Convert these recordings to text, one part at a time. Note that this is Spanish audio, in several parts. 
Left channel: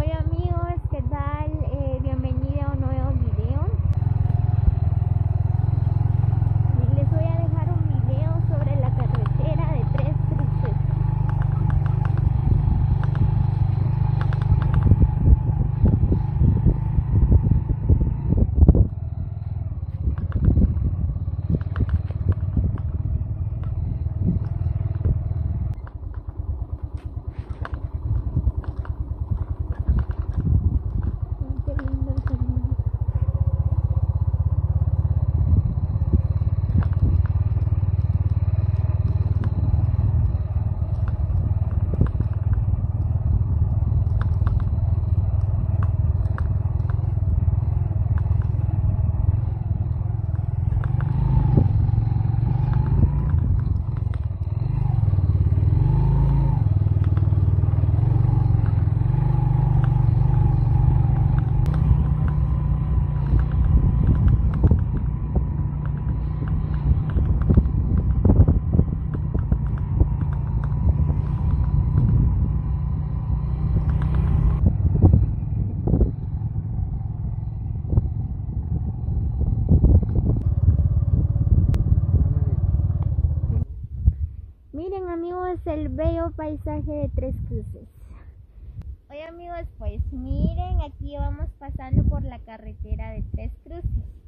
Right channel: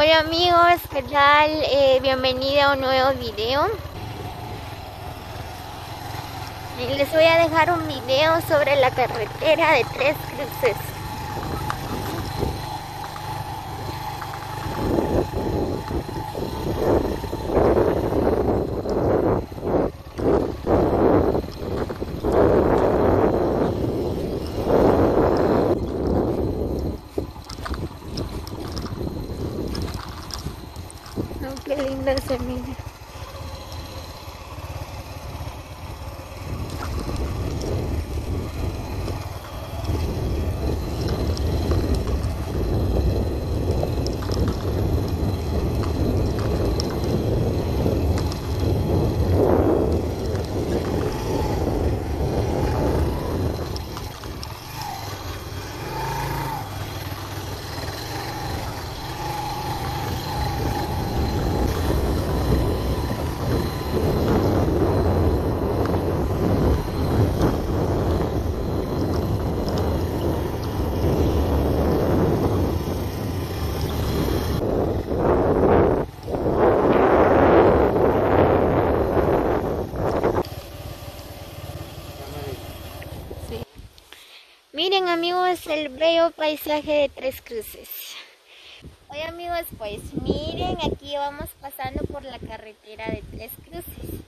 Hola amigos, ¿qué tal? Bienvenido a un nuevo video. Les voy a dejar un video sobre la carretera de Tres Cruces. Oh, qué lindo se mira. Miren amigos, el bello paisaje de Tres Cruces. Oye amigos, pues miren, aquí vamos pasando por la carretera de Tres Cruces.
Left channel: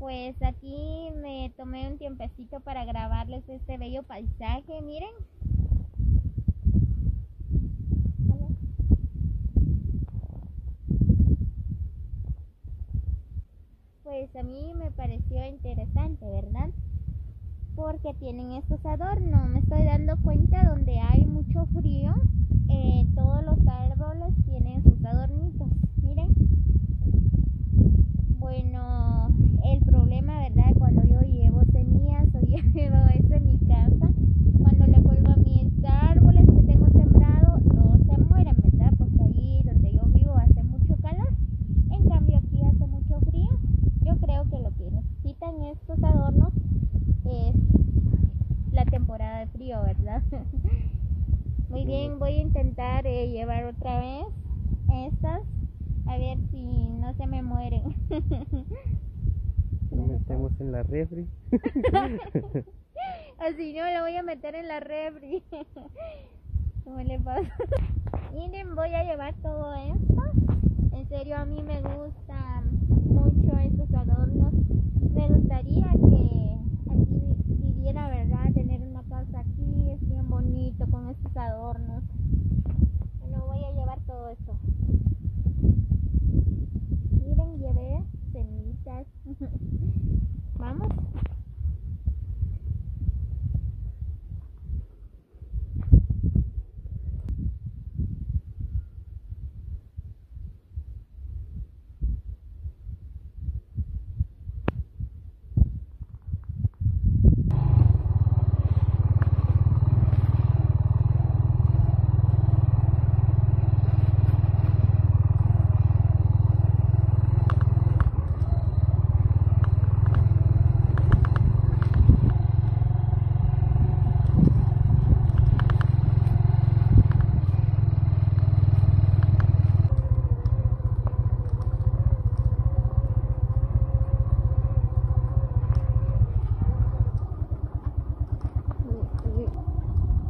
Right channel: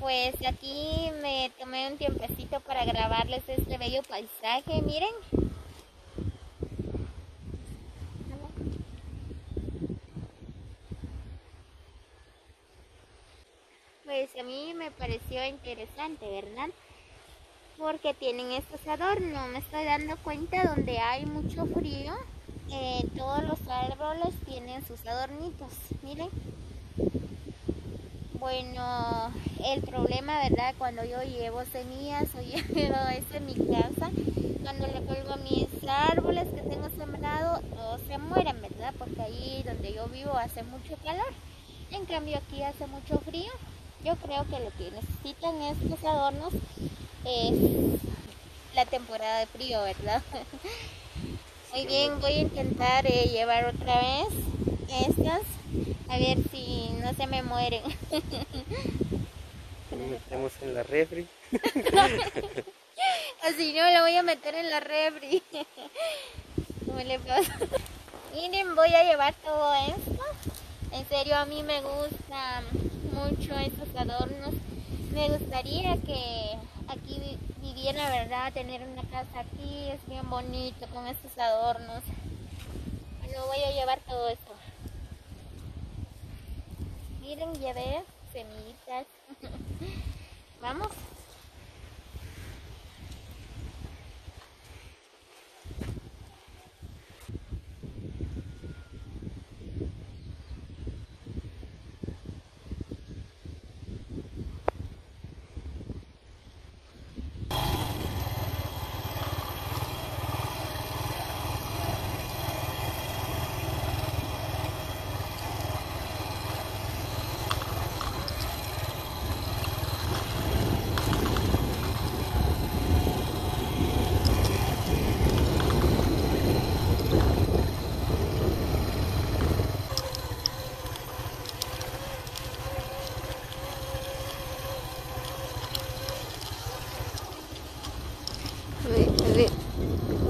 Pues aquí me tomé un tiempecito para grabarles este bello paisaje, miren. Pues a mí me pareció interesante, ¿verdad? Porque tienen estos adornos. Me estoy dando cuenta donde hay mucho frío, todos los árboles tienen sus adornitos, miren. Bueno, el problema, ¿verdad? Cuando yo llevo semillas o llevo eso en mi casa, cuando le cuelgo a mis árboles que tengo sembrado, no se mueren, ¿verdad? Porque ahí donde yo vivo hace mucho calor, en cambio aquí hace mucho frío. Yo creo que lo que necesitan estos adornos es la temporada de frío, ¿verdad? Muy bien, voy a intentar llevar otra vez estas, a ver si no se me mueren. Lo metemos en la refri. Así no, lo voy a meter en la refri. ¿Cómo le pasa? Miren, voy a llevar todo esto. En serio, a mí me gustan mucho estos adornos. Me gustaría que aquí viviera, ¿verdad? Tener una casa aquí, es bien bonito con estos adornos. Bueno, voy a llevar todo esto. Miren, llevé semillitas. Vamos.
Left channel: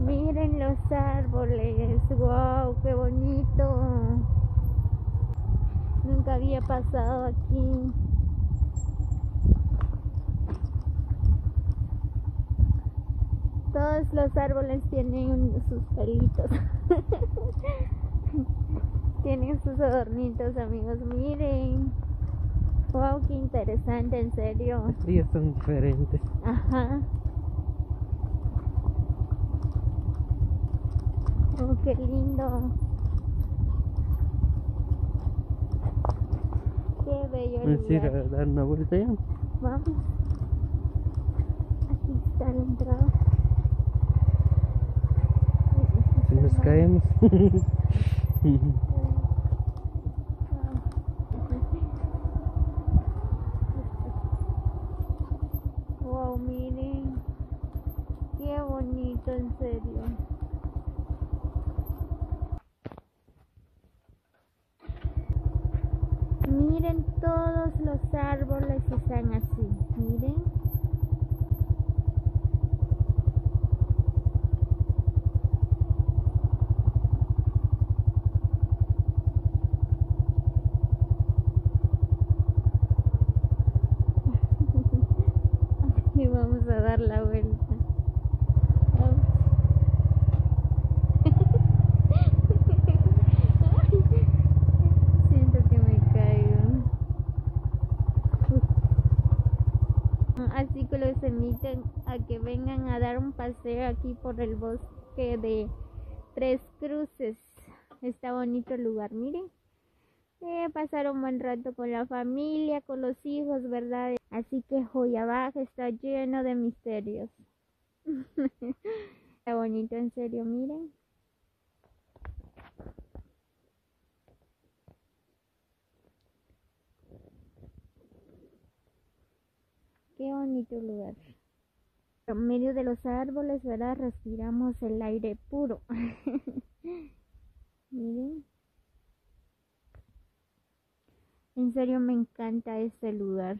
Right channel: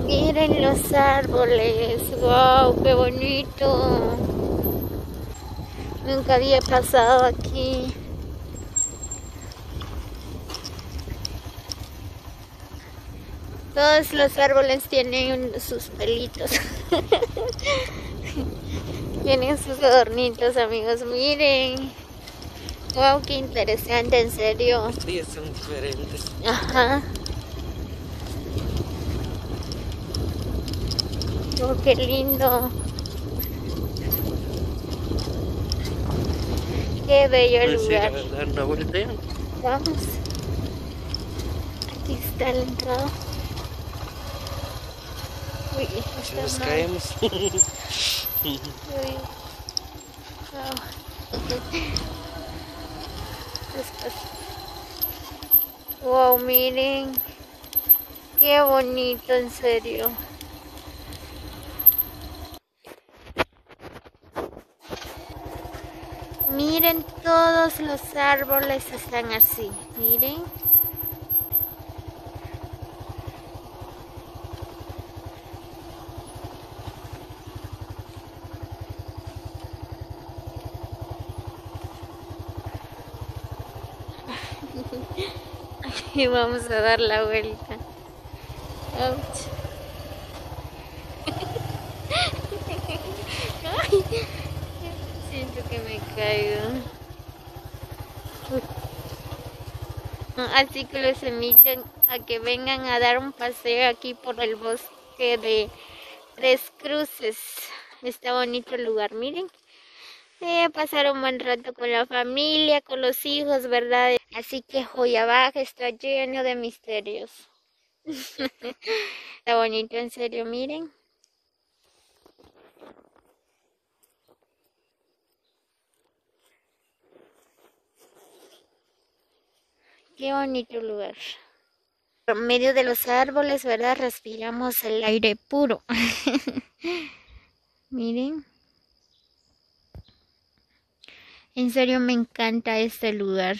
Miren los árboles, wow, qué bonito. Nunca había pasado aquí. Todos los árboles tienen sus pelitos. Tienen sus adornitos, amigos, miren. Wow, qué interesante, en serio. Los días son diferentes. Ajá. Oh, qué lindo. Qué bello el Vamos a ir lugar. a dar una vuelta ya. Vamos. Aquí está la entrada. Uy, Si nos está mal. caemos. Uy. Wow, miren. Qué bonito, en serio. miren, todos los árboles están así, miren. Y vamos a dar la vuelta. Ouch. Ay, siento que me caigo. Así que los invito a que vengan a dar un paseo aquí por el bosque de Tres Cruces. Está bonito el lugar, miren. Pasar un buen rato con la familia, con los hijos, ¿verdad? Así que Joyabaj está lleno de misterios. Está bonito, en serio, miren. Qué bonito lugar. Por medio de los árboles, ¿verdad? Respiramos el aire puro. Miren. En serio me encanta este lugar.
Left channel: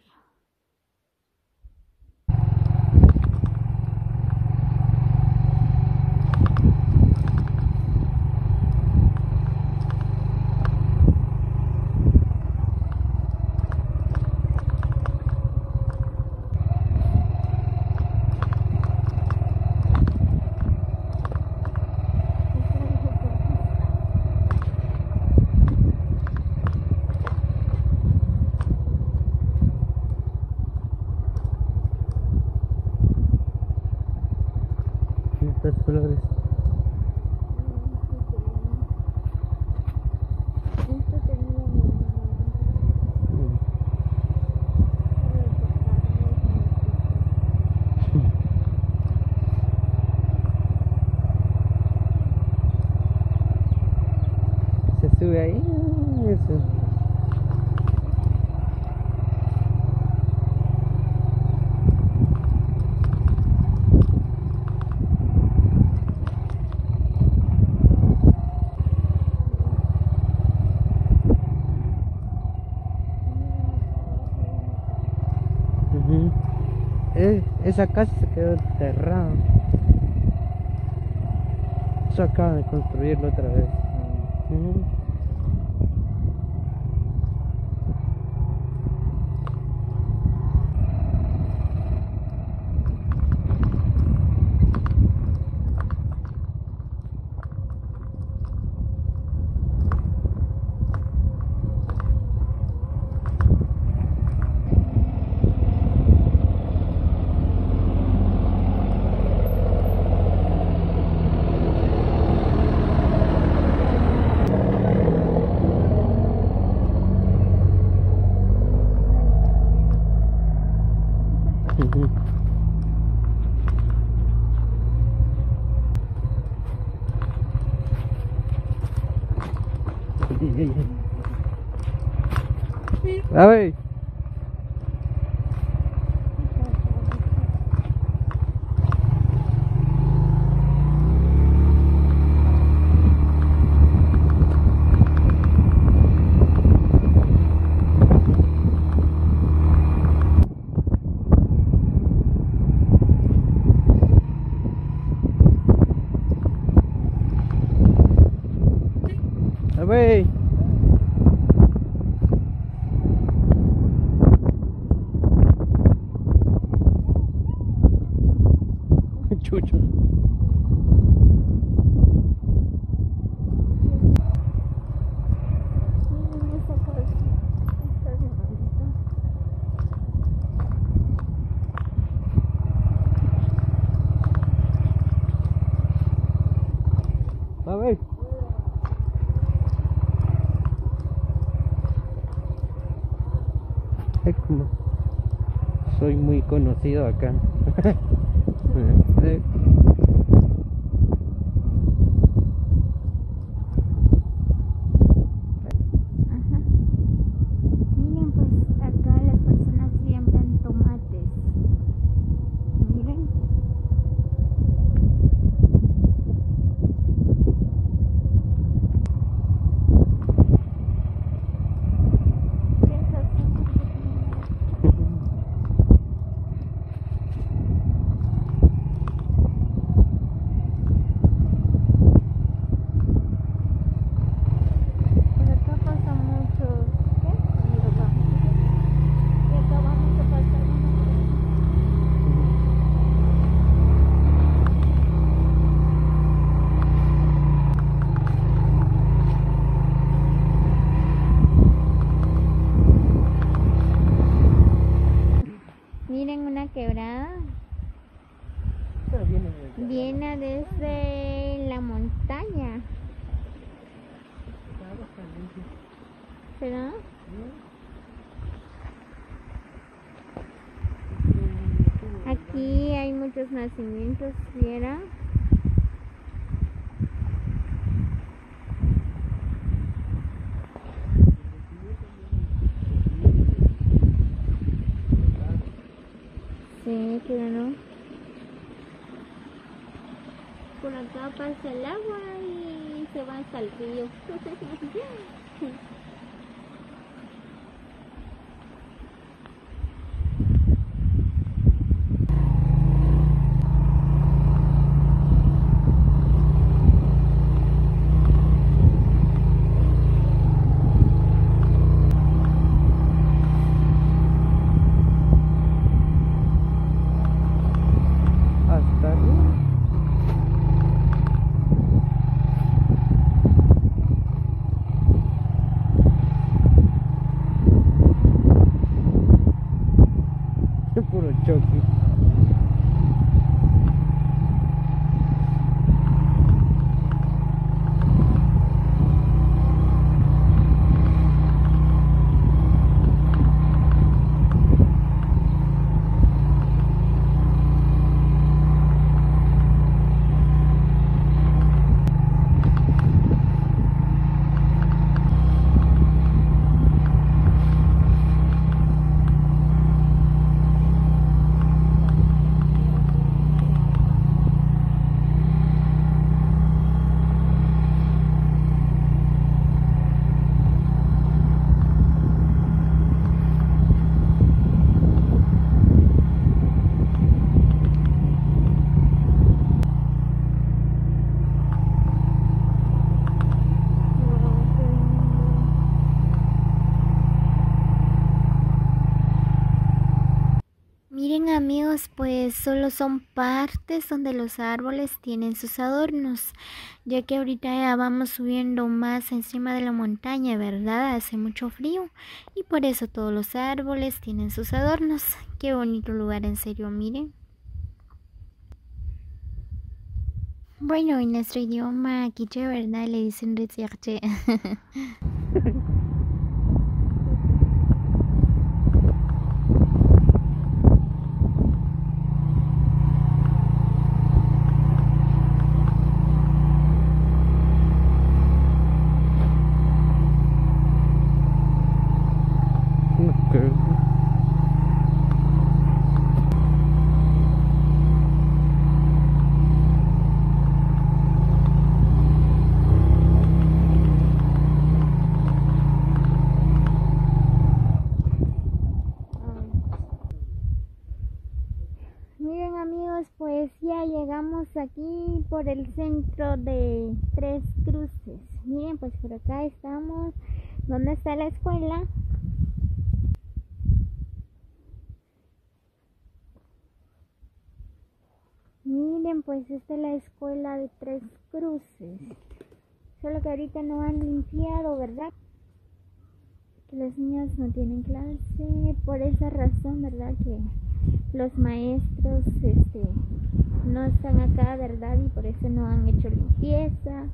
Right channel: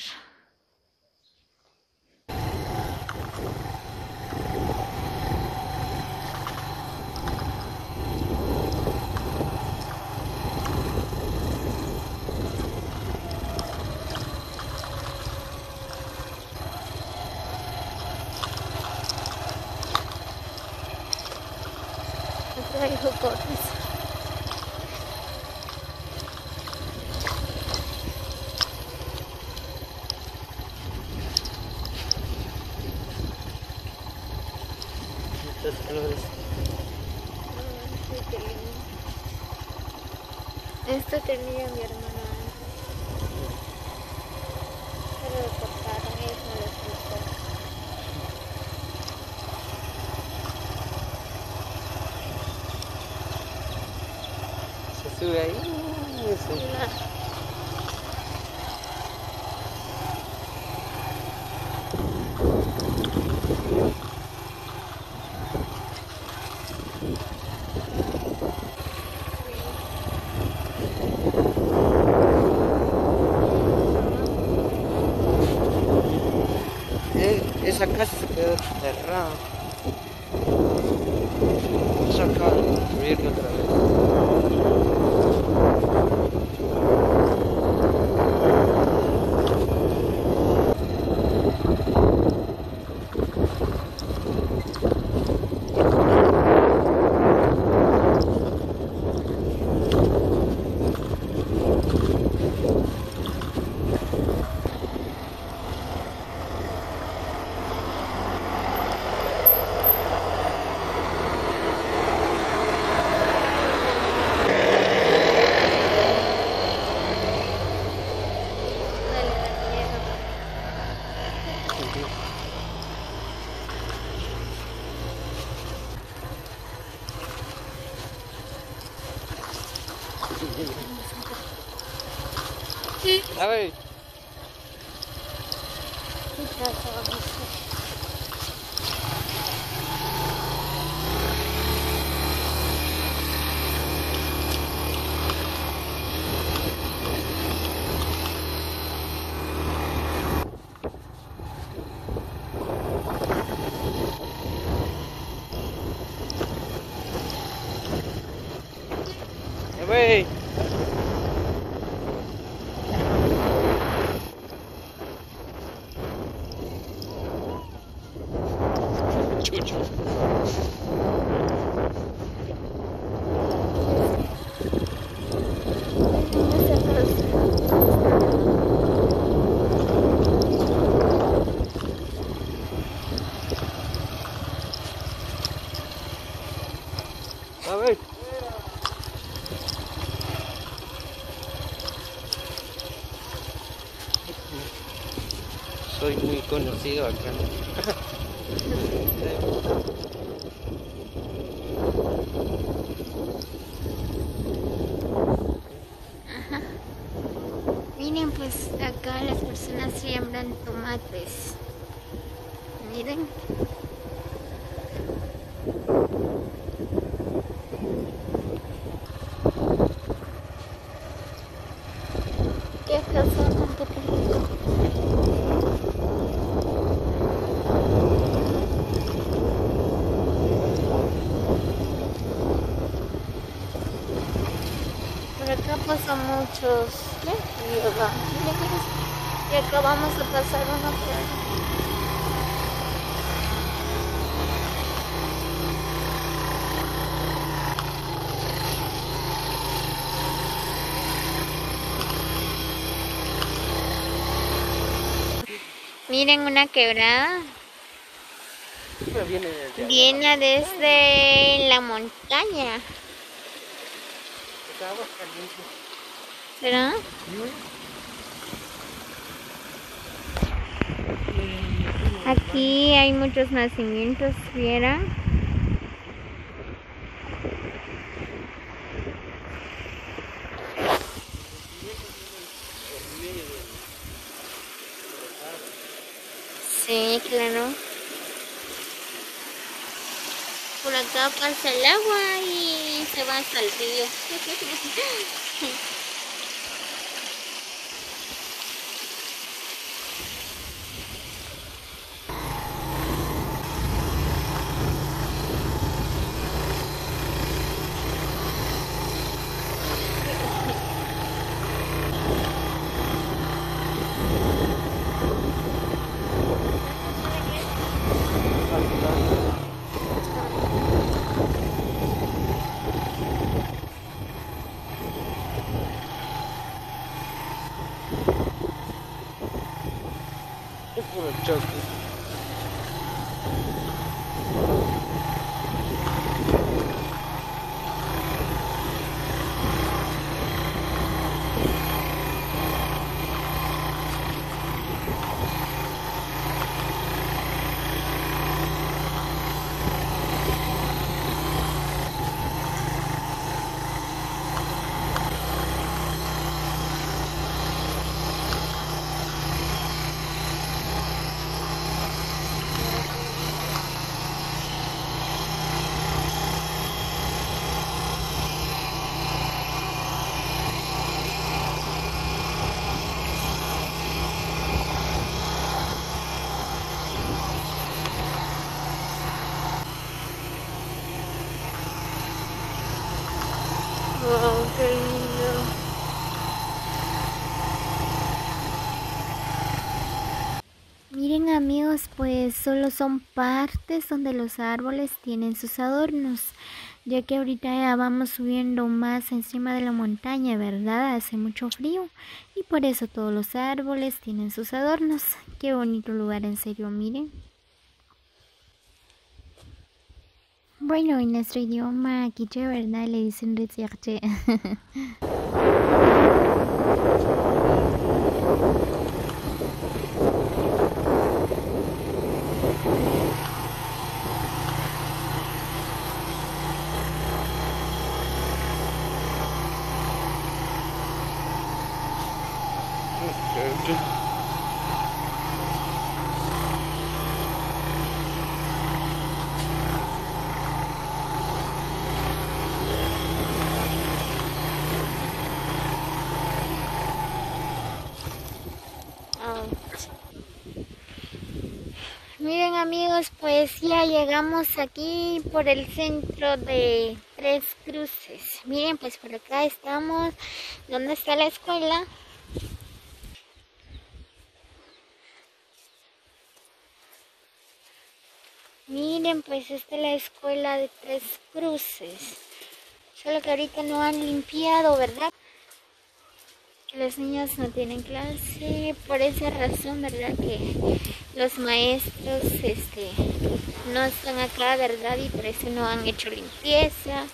Muchos colores. Esto tenía mi hermana antes, pero lo cortaron, ellos no les gustó. Se sube ahí. Sí. Esa casa se quedó cerrada. Eso acaban de construirlo otra vez. A ver. A ver. Chucho. A ver. Ay, como soy muy conocido acá. Ajá. Miren, pues acá las personas siembran tomates. Miren. ¿Qué Miren una quebrada. Ya viene desde Viene desde la montaña. esa agua caliente. ¿Será? Aquí hay muchos nacimientos, ¿vieran? Sí, claro. Por acá pasa el agua y se va hasta el río. Puro choque. Wow, qué lindo. Miren amigos, pues solo son partes donde los árboles tienen sus adornos, ya que ahorita ya vamos subiendo más encima de la montaña, ¿verdad? Hace mucho frío y por eso todos los árboles tienen sus adornos. Qué bonito lugar, en serio, miren. Bueno, en nuestro idioma quiché, ¿verdad? Le dicen recherche. Miren amigos, pues ya llegamos aquí por el centro de Tres Cruces. Miren, pues por acá estamos. ¿Dónde está la escuela? Miren, pues esta es la escuela de Tres Cruces. Solo que ahorita no han limpiado, ¿verdad? Que los niños no tienen clase, por esa razón, ¿verdad? Que los maestros no están acá, ¿verdad? Y por eso no han hecho limpieza.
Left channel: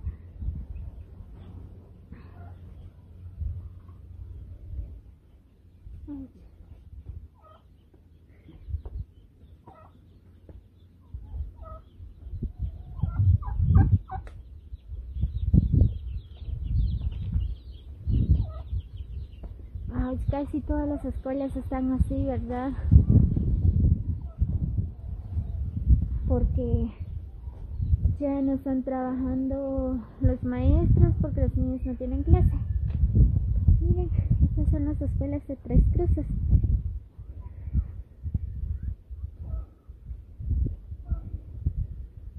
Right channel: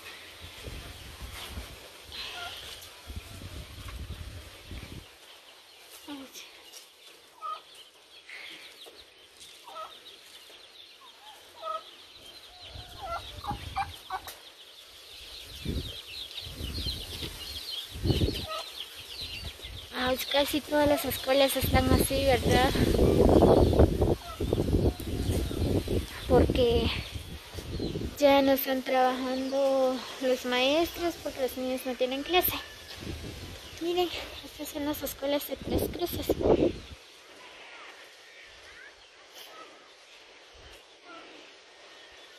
Casi todas las escuelas están así, ¿verdad? Porque ya no están trabajando los maestros porque los niños no tienen clase. Miren, estas son las escuelas de Tres Cruces.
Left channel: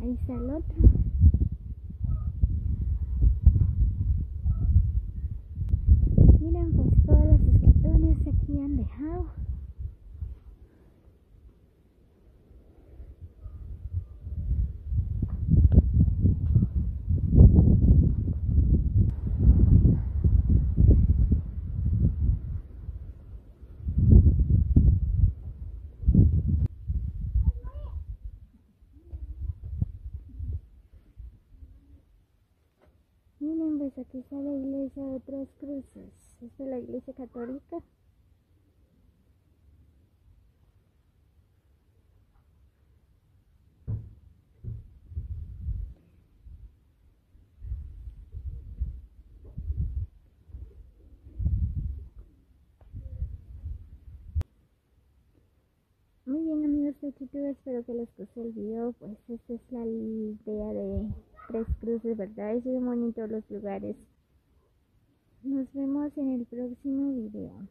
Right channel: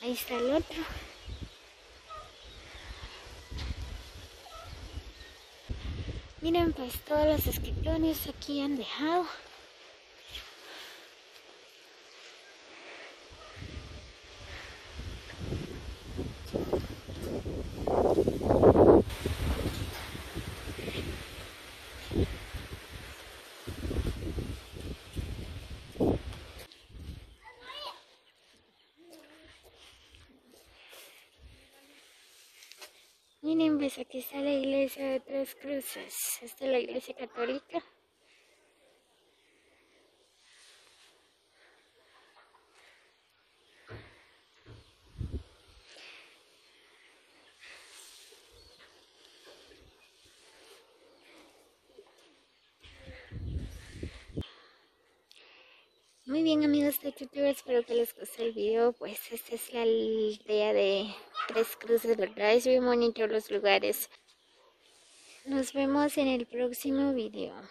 Ahí está el otro. Miren, pues todos los escritorios aquí han dejado. zombies. Aquí está la iglesia de Tres Cruces. Esta es la iglesia católica. Muy bien, amigos de YouTube, espero que les guste el video. Pues esta es la aldea de Tres Cruces, ¿verdad? Es muy bonito los lugares. Nos vemos en el próximo video.